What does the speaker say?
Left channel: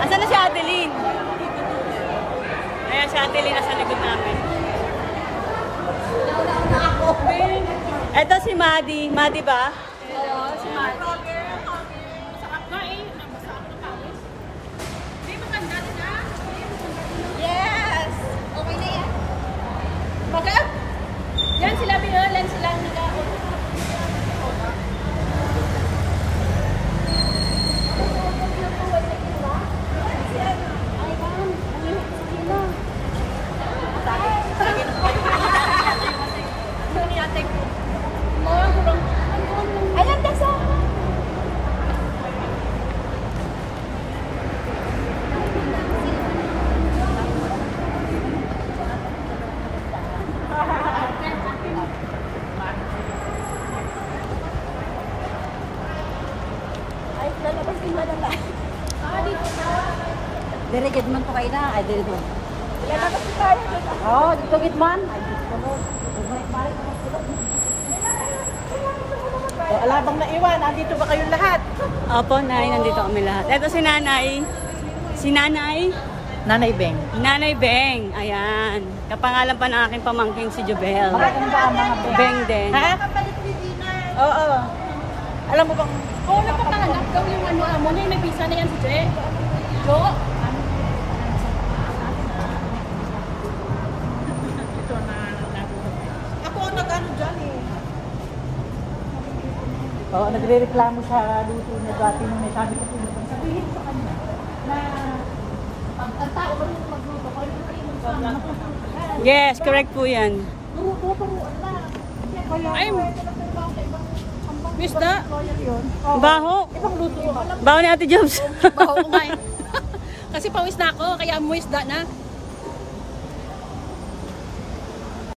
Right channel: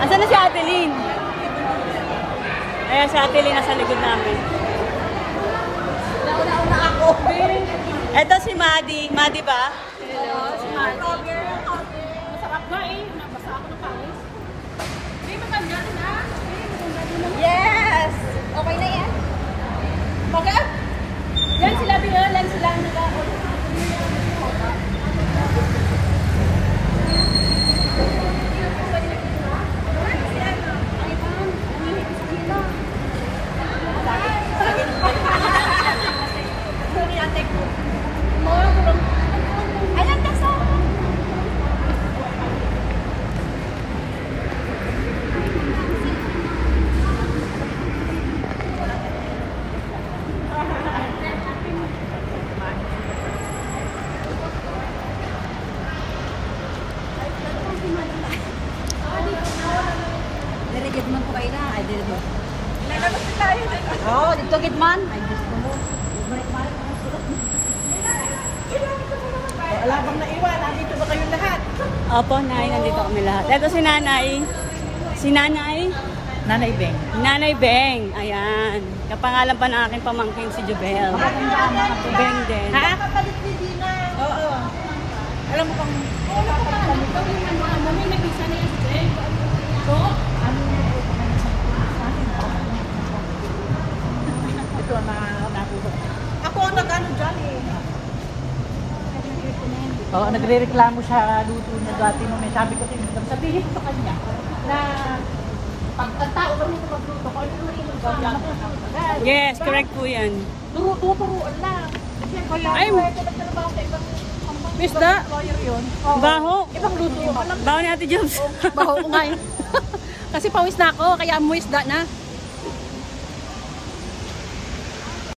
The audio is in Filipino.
Asan na si Adeline? Ayan si Adeline nasa likod namin. Ito si Maddie. Maddie ba? Hello, si Maddie. Sarap na eh. Nabasa ako ng pawis. Dito ka dyan na? Yes! Okay na yan? Okay? Yan sila bingalan sila nila. Dari Gidman po kayo na. Ay, dari Gidman. Oo, dito Gidman. Wala bang naiwan? Nandito ba kayong lahat? Opo, Nay. Nandito kami lahat. Ito si Nanay. Si Nanay? Nanay Beng. Nanay Beng. Ayan. Kapangalan pa ng aking pamangkin si Jubel. Beng din. Oo. Alam mo bang nag-isa niya si Jay? Ito na Ako ang nag-ano dyan eh. Oo, nagre-reklamo siya. Dati mo may sabi ko tinutang. Sabihin ko kanya na pagkataon Yes, correct po yan. Turuan na. Ay, Miss na. Baho. Baho ni Ate Jobs. Baho ko nga eh. Kasi pawis na ako, kaya muwis na na.